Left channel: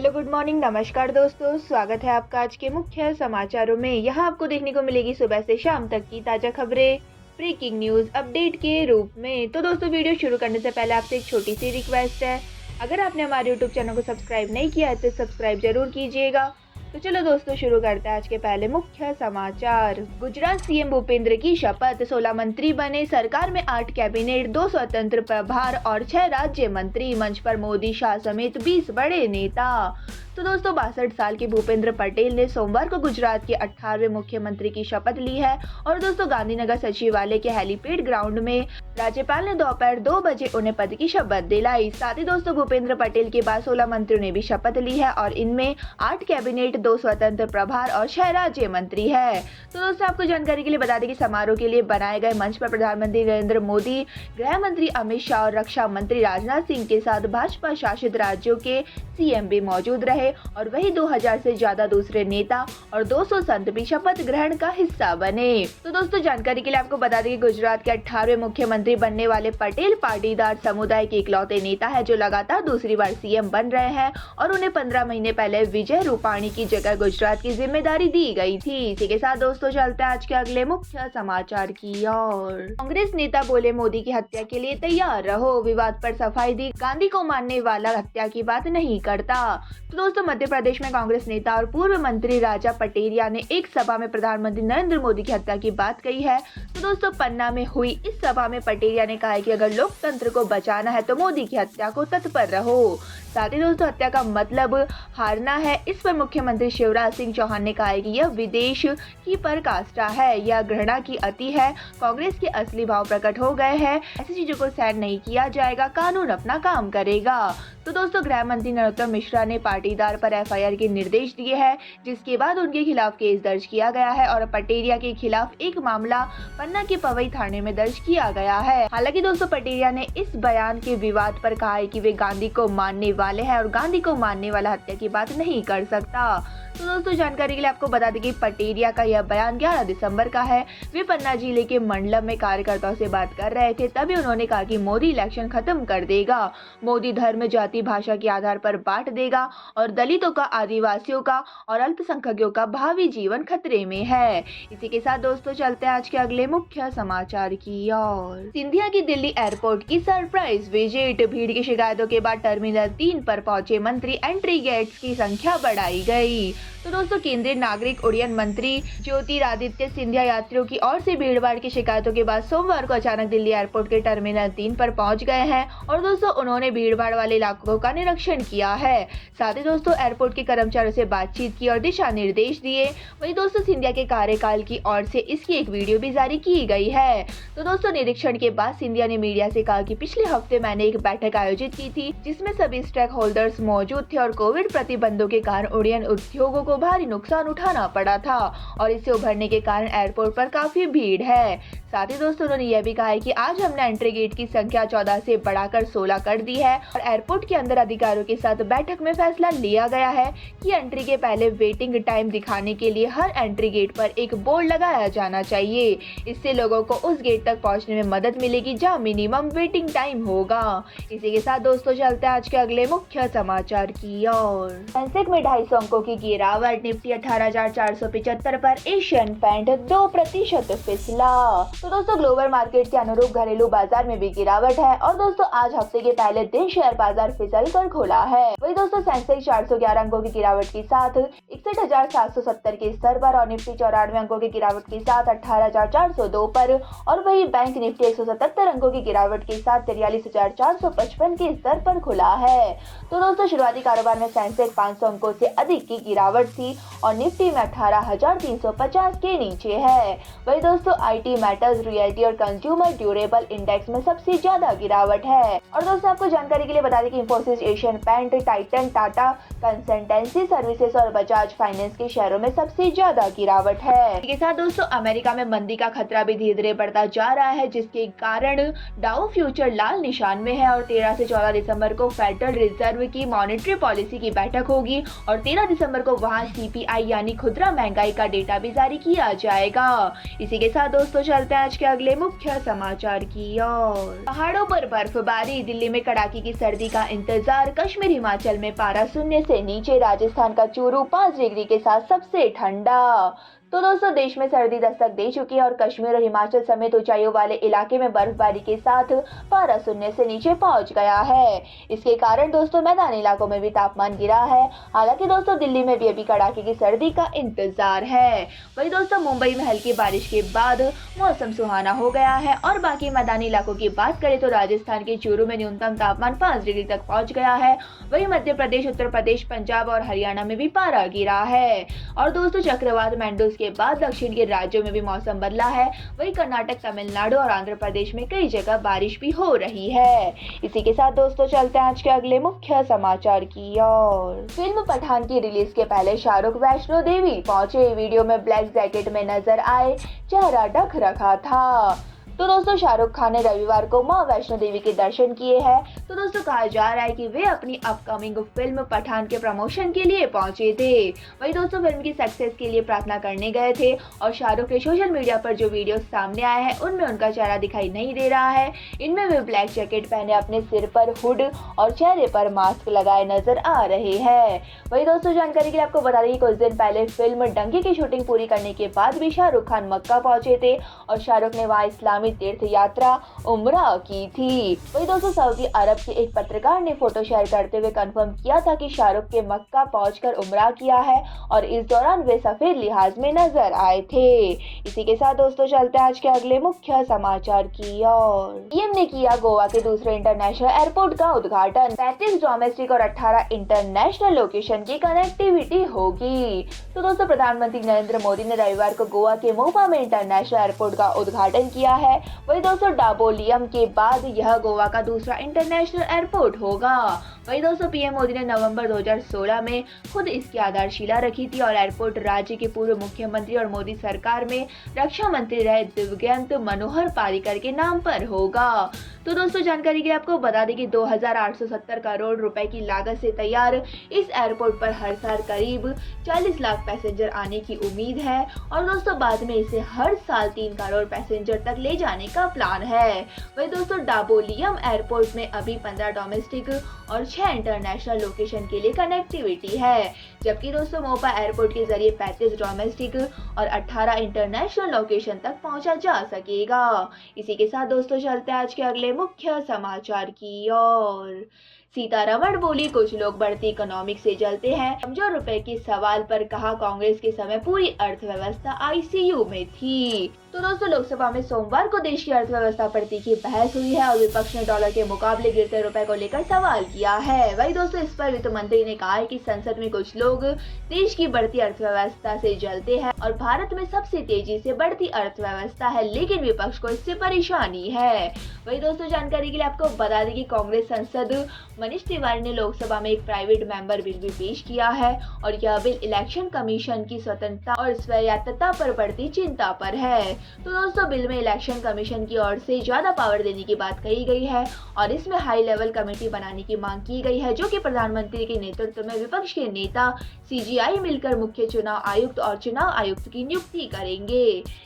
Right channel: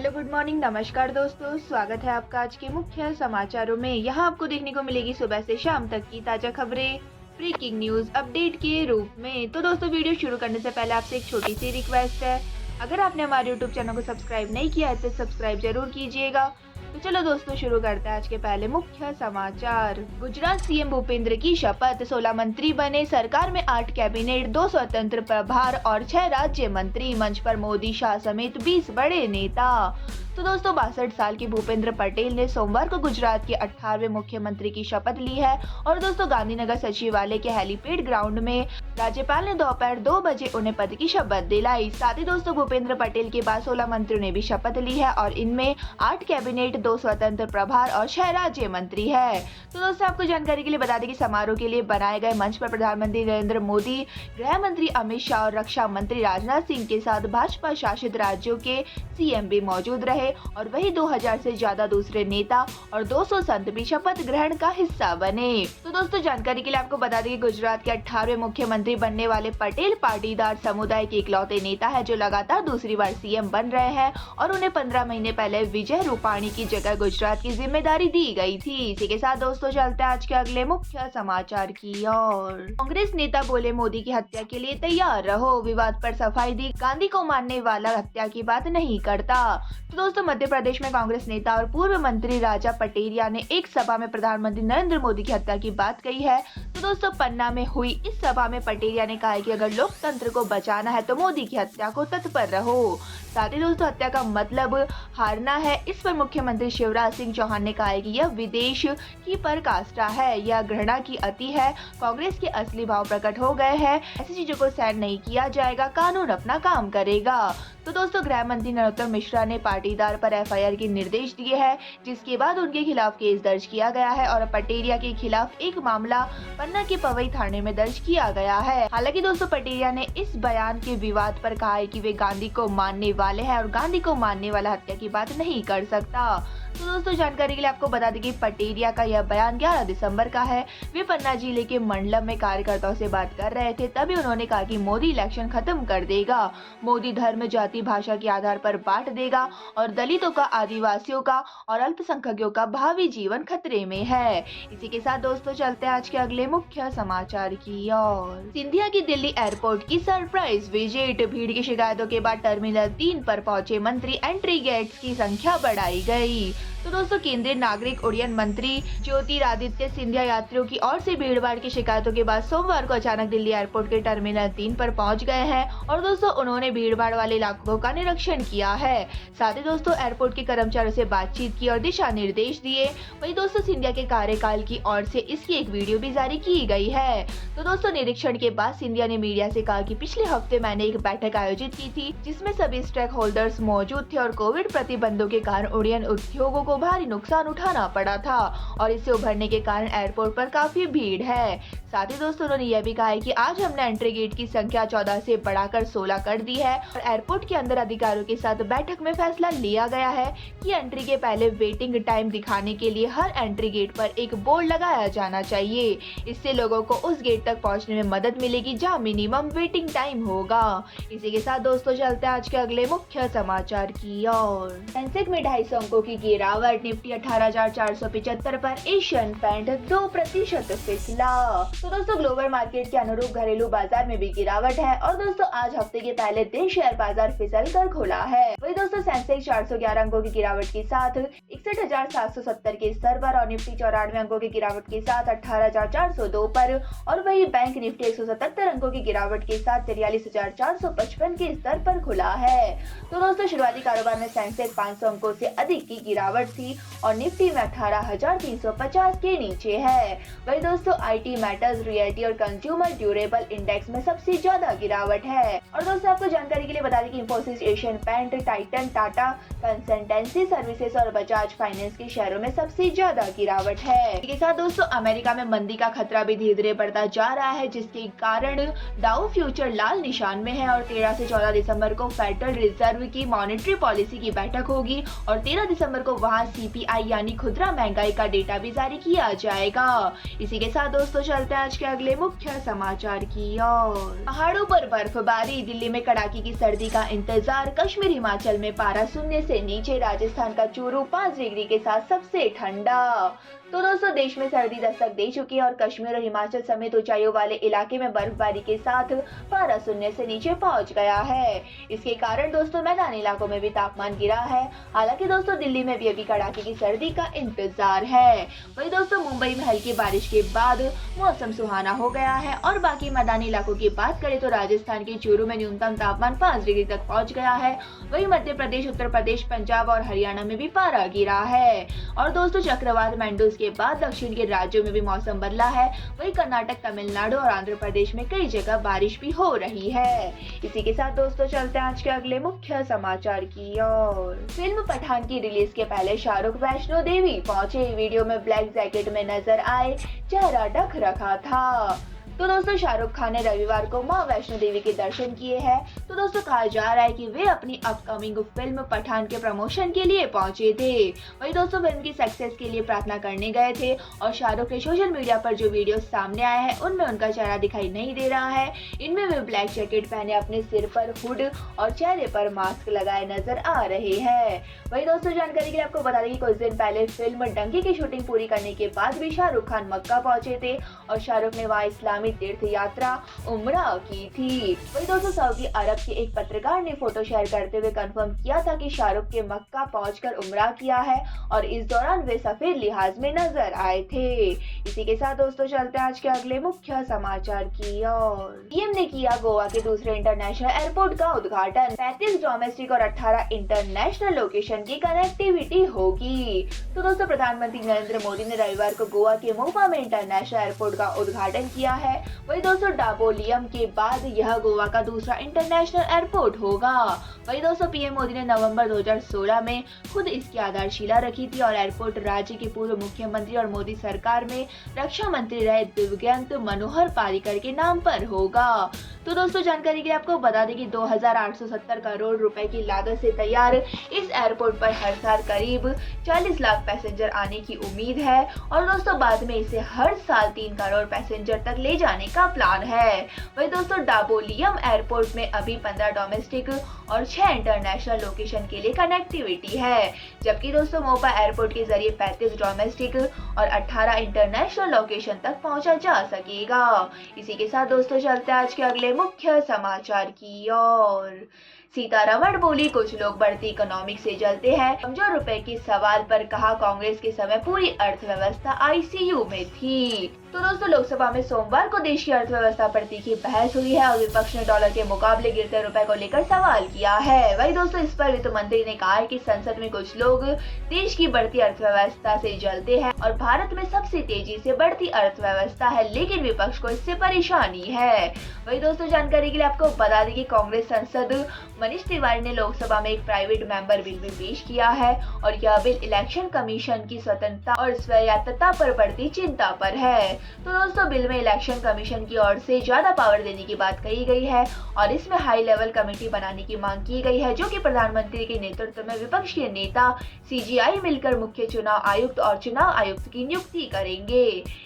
Hello, good morning, नमस्कार दोस्तों। स्वागत है आपका आज के मुख्य समाचारों में। यहाँ आपको देखने को मिलेगी सुबह से शाम तक की ताज़ा खबरें, ब्रेकिंग न्यूज़ अपडेट के रूप में। तो दोस्तों, वीडियो शुरू करने से पहले आपसे एक छोटी सी रिक्वेस्ट है। अगर आपने हमारे यूट्यूब चैनल को सब्सक्राइब नहीं किया है तो सब्सक्राइब जरूर कीजिएगा। तो चलो दोस्तों, शुरू करते हैं आज के पहले मुख्य समाचार। गुजरात सीएम भूपेंद्र की शपथ, 16 मंत्री बने, सरकार में 8 कैबिनेट, 2 स्वतंत्र प्रभार और 6 राज्य मंत्री। मंच पर मोदी, शाह समेत 20 बड़े नेता। तो दोस्तों, 62 साल के भूपेंद्र पटेल ने सोमवार को गुजरात के 18वें मुख्यमंत्री की शपथ ली है। और दोस्तों, गांधीनगर सचिवालय के हेलीपैड ग्राउंड में राज्यपाल ने दोपहर 2 बजे उन्हें पद की शपथ दिलाई। साथ ही दोस्तों, भूपेंद्र पटेल के बाद 16 मंत्रियों ने भी शपथ ली है और इनमें 8 कैबिनेट, 2 स्वतंत्र प्रभार और 6 राज्य मंत्री है। तो दोस्तों, आपको जानकारी के लिए बता दें कि समारोह के लिए बनाए गए मंच पर प्रधानमंत्री नरेंद्र मोदी, गृह मंत्री अमित शाह और रक्षा मंत्री राजनाथ सिंह के साथ भाजपा शासित राज्यों के सीएम भी मौजूद रहे और वही 2000 से ज्यादा दूसरे नेता और 200 संत भी शपथ ग्रहण का हिस्सा बने। तो दोस्तों, जानकारी के लिए आपको बता दें कि गुजरात के 18वें मुख्यमंत्री बनने वाले पटेल पाटीदार समुदाय के इकलौते नेता है जो लगातार दूसरी बार सीएम बन रहे हैं और उन्हें 15 महीने पहले विजय रूपाणी की जगह गुजरात की जिम्मेदारी दी गई थी। इसी के साथ दोस्तों, चलते हैं आज के अगले मुख्य समाचार की ओर। कांग्रेस नेता बोले, मोदी की हत्या के लिए तैयार रहो। विवाद पर सफाई दी, गांधी को मानने वाला हत्या की बात नहीं करता। तो दोस्तों, मध्य प्रदेश में कांग्रेस नेता और पूर्व मंत्री राजा पटेरिया ने एक सभा में प्रधानमंत्री नरेंद्र मोदी की हत्या की बात कही है। तो दोस्तों, पन्ना में हुई इस सभा में पटेरिया ने कहा है कि अगर लोकतंत्र को बचाना है तो मोदी की हत्या को तत्पर रहो। साथ ही दोस्तों, हत्या का मतलब हारना है। इस पर मुख्यमंत्री शिवराज सिंह चौहान ने कहा है कि यह विदेश की पराकाष्ठा है, यह घृणा की अति है। कांग्रेस के असली भाव प्रकट हो गए हैं। ऐसी चीजों को सहन नहीं किया जाएगा, कानून अपना काम करेगा। तो दोस्तों, गृह मंत्री नरोत्तम मिश्रा ने पाटीदार पर एफआईआर के निर्देश दिए हैं, जिसके बाद उनके खिलाफ केस दर्ज किया गया है और पटेरिया के खिलाफ एक मामला पन्ना के पवई थाने में दर्ज किया गया है। हालांकि दोस्तों, पटेरिया ने इस बयान के विवाद पर कहा है कि वे गांधी को मानने वाले हैं और गांधी को मानने वाला हत्या की बात नहीं कर सकता। तो दोस्तों, जानकारी के लिए आपको बता दें कि पटेरिया का यह बयान 11 दिसंबर का है। वे पन्ना जिले के मंडलम में कार्यकर्ताओं से बात कर रहे थे, तभी उन्होंने कहा कि मोदी इलेक्शन खत्म कर देगा, मोदी धर्म, जाति, भाषा के आधार पर बांट देगा और दलितों का, आदिवासियों का और अल्पसंख्यकों का भावी जीवन खतरे में है। इसी के साथ दोस्तों, चलते हैं आज के अगले मुख्य समाचार की ओर। सिंधिया की दिल्ली एयरपोर्ट की सरप्राइज विजिट। भीड़ की शिकायतों के बाद टर्मिनल 3 पर पहुंचे मंत्री, एंट्री गेट्स की संख्या बढ़ाई गई। तो दोस्तों, केंद्रीय नागरिक उड्डयन मंत्री ज्योतिरादित्य सिंधिया यात्रियों की ओर से भीड़भाड़ की शिकायतों के बाद सोमवार को अचानक दिल्ली एयरपोर्ट के टर्मिनल 3 पर पहुंच गए हैं और दोस्तों, उन्होंने भीड़भाड़ वाले इलाकों का निरीक्षण किया है। साथ ही दोस्तों, एयरपोर्ट के कर्मचारियों से बातचीत की और दिशा निर्देश दिए। वहीं दोस्तों, सिंधिया के कार्यकाल की ओर से इसकी एक वीडियो भी जारी की गई है। तो दोस्तों, निरीक्षण के बाद सिंधिया ने मीडिया से कहा कि पिछले हफ्ते मैंने एक बैठक आयोजित की थी जिसमें सभी स्टेक होल्डर्स मौजूद थे और कोविड प्रतिबंधों के कारण उड्डयन उद्योगों को भारी नुकसान उठाना पड़ा था और इससे उभरने के कारण एयरपोर्ट पर काफी भीड़ है। साथ ही दोस्तों, उन्होंने यह भी कहा है कि आज हमने एंट्री गेट की संख्या 14 से बढ़ाकर 16 कर दी है और एयरपोर्ट के अंदर अधिकारियों के साथ बैठक में फैसला लिया गया है कि एंट्री के पहले वेटिंग टाइम दिखाने के लिए हर एंट्री गेट पर एक बोर्ड लगाया जाना चाहिए। इससे लोगों को उस गेट तक पहुंचने में मदद मिलेगी जहां मिनिमम वेटिंग टाइम होगा। इसी के साथ दोस्तों, चलते हैं आज के अगले मुख्य समाचार की ओर। सेंसेक्स में 250 अंकों की गिरावट, निफ्टी 18,475 पर, एशियन पेंट 2% फिसला। तो दोस्तों, ग्लोबल मार्केट के अनुरूप घरेलू बाजार में भी गिरावट है और दोस्तों, आज हफ्ते के पहले दिन शेयर बाजार फिसल कर खुला है। वही दोस्तों, सेंसेक्स 411 अंकों की गिरावट के साथ 61,770 के स्तर पर और निफ्टी 94 अंकों की गिरावट के साथ 18,402 पर और वही बैंक निफ्टी 177 अंकों की गिरावट के साथ 43,455 के स्तर पर खुला है। तो दोस्तों, शुरुआती कारोबार में सेंसेक्स 500 अंकों से अधिक की गिरावट थी और निफ्टी में 18,350 के नीचे है। वही दोस्तों, आईटी, मेटल्स, रियल्टी और कंज्यूमर ड्यूरेबल इंडेक्स में सबसे ज्यादा गिरावट है। और दोस्तों, आपको जानकारी के लिए बता दें कि Infosys, Asian Paint, Titan, Tata Consultancy Services और बजाज फाइनेंस के शेयरों में सबसे ज्यादा गिरावट है। इसके साथ दोस्तों, अमेरिका में मंदी का खतरा भी धीरे धीरे बढ़ता जा रहा है, जिसके कारण डाउ फ्यूचर लाल निशान में है और 13 से 14 दिसंबर को फेडरल रिजर्व की मॉनेटरी पॉलिसी की बैठक होगी और 13 दिसंबर को वहां CPI यानी खुदरा महंगाई का डेटा भी जारी किया जाएगा। इसी के साथ दोस्तों चलते हैं आज के अगले मुख्य समाचार की ओर। पहाड़ों पर बर्फबारी, दिल्ली में कड़ाके की सर्दी का इंतजार, कश्मीर हिमाचल में पारा शून्य से नीचे, राजस्थान का चूरू 5 डिग्री के साथ सबसे ठंडा। तो दोस्तों देश में सर्दी दस्तक दे चुकी है और कश्मीर और हिमाचल समेत ऊंचाइयों वाले इलाके में बर्फबारी के साथ पारा शून्य से नीचे पहुंच गया है। इसके कारण दोस्तों मैदानी इलाकों में भी तापमान गिरा है। हालांकि दोस्तों दिल्ली में भी अभी कड़ाके की सर्दी का इंतजार है। वहीं दोस्तों मुंबई में हल्की बारिश के बाद मौसम सुहाना हो गया है। और बाकी मैदानी इलाकों की बात करें तो राजस्थान के चूरू में न्यूनतम तापमान 5 डिग्री तक पहुँच गया है। वही मध्य प्रदेश, उत्तर प्रदेश, पंजाब और हरियाणा में भी पारा गिरा है। और दोस्तों चक्रवात मैंडूस के बाद दक्षिण के राज्यों में भी मौसम बदला है। वहीं कर्नाटक, तमिलनाडु और आंध्र प्रदेश में कई जगह बारिश भी हो रही है। इसी के साथ दोस्तों चलते हैं आज के अगले मुख्य समाचार की ओर। फिल्म पठान की रिलीज के पहले शाहरुख वैष्णो देवी पहुंचे। वीडियो में ब्लैक जैकेट में नजर आए, चेहरा ढक रखा था। तो दोस्तों शाहरुख खान ने रविवार को मां वैष्णो देवी के दर्शन किए हैं। तो दोस्तों कहा जा रहा है कि वे अपनी अपकमिंग फिल्म पठान के प्रमोशन के लिए पहुंचे थे। वहीं दोस्तों फिल्म की सक्सेस के लिए प्रार्थना करने गए थे। और शाहरुख के सोशल मीडिया पर जो वीडियो सामने आए हैं उनमें उनका चेहरा दिखाई नहीं दे रहा है। इनमें वे ब्लैक जैकेट पहने अपने सिर पर हुड और चेहरे पर मास्क लगाए नजर आ रहे हैं। वही दोस्तों जानकारी के लिए आपको बता दें कि कुछ दिन पहले फिल्म डंकी की शूटिंग पूरी करने के बाद भी शाहरुख खान मक्का पहुंचे थे और शाहरुख ने वहां इस्लामी तीर्थ यात्रा उम्रा की थी। वही दोस्तों सऊदी अरब के एक पत्रकार ने फोटो शेयर करते हुए कंफर्म किया था कि शाहरुख के मक्का पहुंचकर उम्रा किया है और इस दौरान वे सफेद लिहाज में नजर आए थे। इसी के साथ दोस्तों चलते हैं आज के अगले मुख्य समाचार की ओर। पीएम ने किया गोवा के दूसरे इंटरनेशनल एयरपोर्ट का उद्घाटन। 35 डोमेस्टिक और 18 इंटरनेशनल लोकेशन की कनेक्टिविटी होगी। तो दोस्तों प्रधानमंत्री नरेंद्र मोदी ने रविवार को गोवा के मोपा में इंटरनेशनल एयरपोर्ट का उद्घाटन किया है। वही दोस्तों डाबोलियम के बाद यह गोवा का दूसरा इंटरनेशनल एयरपोर्ट होगा। वही दोस्तों पीएम मोदी ने नवंबर 2016 में खुद इसकी आधारशिला रखी थी और एयरपोर्ट राज्य के पूर्व मुख्यमंत्री और मोदी सरकार में रक्षा मंत्री रहे दिवंगत मनोहर पर्रिकर के नाम पर होगा। तो दोस्तों जानकारी के लिए आपको बता दें कि 2870 करोड़ रुपए की लागत से तैयार इस एयरपोर्ट पर हर साल करीब 40 लाख पैसेंजर आने की उम्मीद है। और दोस्तों बाद में इसे हर साल 3 करोड़ पैसेंजर तक ले जाने का प्लान है। वही दोस्तों डाबोलियम एयरपोर्ट में अभी 15 डोमेस्टिक और 6 इंटरनेशनल लोकेशन के लिए कनेक्टिविटी है। जबकि दोस्तों मोपा एयरपोर्ट के जरिए 35 डोमेस्टिक और 18 इंटरनेशनल लोकेशन तक पहुंचा जा सकेगा। इसी के साथ दोस्तों चलते हैं आज के अगले मुख्य समाचार की ओर। सीतारमण बोली, कुछ लोग बढ़ती इकोनॉमिक से जलते हैं। कमजोर रुपए के सवाल पर कहा, कांग्रेस के समय पूरी अर्थव्यवस्था आईसीयू में थी। तो दोस्तों लोकसभा में सोमवार को देश की अर्थव्यवस्था पर तीखी बहस हुई है और विपक्ष ने डॉलर के मुकाबले गिरते रुपए को लेकर सवाल किया है। वही दोस्तों इस पर वित्त मंत्री ने कहा है कि संसद में कुछ लोग देश की बढ़ती अर्थव्यवस्था से जलते हैं और भारत में सबसे तेजी से बढ़ती अर्थव्यवस्था है, लेकिन विपक्ष को इससे परेशानी है। वही दोस्तों जानकारी के लिए आपको बता दें कि कांग्रेस सांसद मनीष तिवारी ने लोकसभा में एक प्राइवेट मेंबर बिल भी पेश किया है और यह बिल इलेक्शन कमीशन की स्वतंत्रता और स्वायत्तता पर बढ़ती चिंता पर है। तो दोस्तों बिल में इलेक्शन कमीशन की ओर से ज्यादा पावर देने की बात कही गई है और इसमें हाई लेवल कमेटी बनाने की मांग की गई है, जो कि प्रधानमंत्री के नेतृत्व में विपक्ष के नेता सीजीआई मिलकर मुख्य चुनाव आयुक्त और चुनाव आयुक्त की नियुक्ति करेंगे।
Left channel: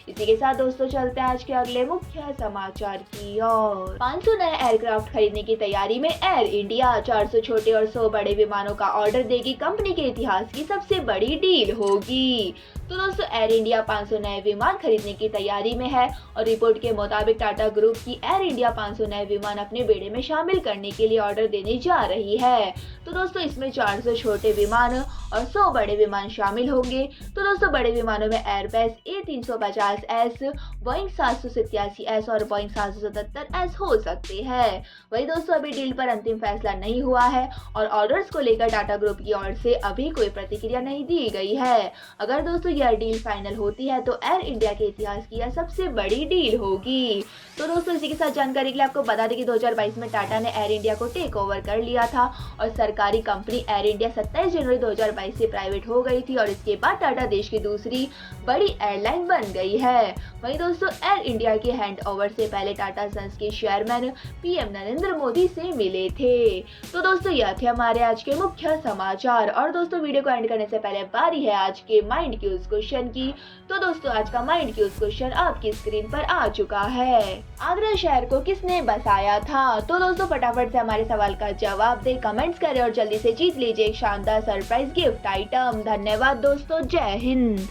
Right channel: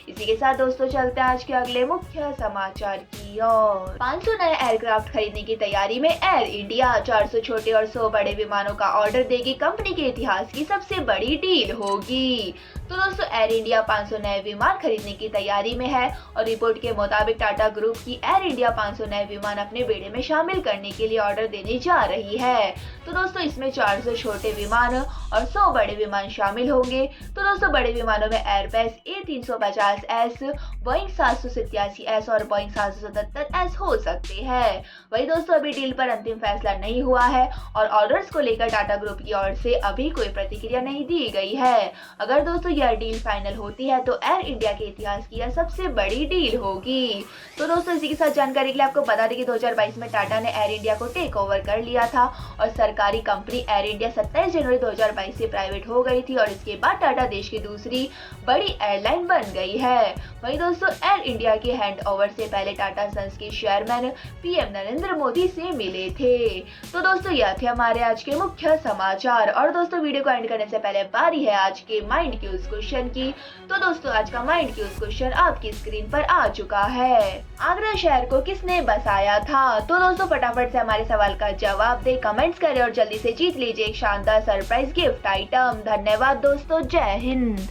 इसी के साथ दोस्तों चलते हैं आज के अगले मुख्य समाचार की ओर। 500 नए एयरक्राफ्ट खरीदने की तैयारी में एयर इंडिया। 400 छोटे और 100 बड़े विमानों का ऑर्डर देगी। कंपनी के इतिहास की सबसे बड़ी डील होगी। तो दोस्तों एयर इंडिया 500 नए विमान खरीदने की तैयारी में है और रिपोर्ट के मुताबिक टाटा ग्रुप की एयर इंडिया 500 नए विमान अपने बेड़े में शामिल करने के लिए ऑर्डर देने जा रही है। तो दोस्तों इसमें 400 छोटे विमान और 100 बड़े विमान शामिल होंगे। तो दोस्तों बड़े विमानों में एयरबस A350S, बोइंग 787S और बोइंग 777S हो सकते हैं। वही दोस्तों अभी डील पर अंतिम फैसला नहीं हुआ है और ऑर्डर्स को लेकर टाटा ग्रुप की ओर से अभी कोई प्रतिक्रिया नहीं दी गई है। अगर दोस्तों यह डील फाइनल होती है तो एयर इंडिया के इतिहास की यह सबसे बड़ी डील होगी। तो दोस्तों इसी के साथ जानकारी के लिए आपको बता दें कि 2022 में टाटा ने एयर इंडिया को टेक ओवर कर लिया था और सरकारी कंपनी एयर इंडिया 27 जनवरी 2022 सफाई से प्राइवेट हो गई थी और इसके बाद टाटा देश की दूसरी बड़ी एयरलाइन बन गई है। वहीं दोस्तों एयर इंडिया के हैंडओवर से पहले टाटा सन्स के चेयरमैन पीएम नरेंद्र मोदी से मिले थे। तो दोस्तों यह थे हमारे आज के मुख्य समाचार। और दोस्तों वीडियो को एंड करने से पहले बारी है आज के माइंड क्यूज क्वेश्चन की। तो दोस्तों आज का माइंड क्यूज क्वेश्चन आपकी स्क्रीन पर आ चुका है। आगरा शहर को किसने बसाया था? तो दोस्तों फटाफट से हमारे सवाल का जवाब दे, कमेंट्स करें और जल्दी से जीत लीजिए एक शानदार सरप्राइज गिफ्ट आइटम। धन्यवाद दोस्तों, जय हिंद।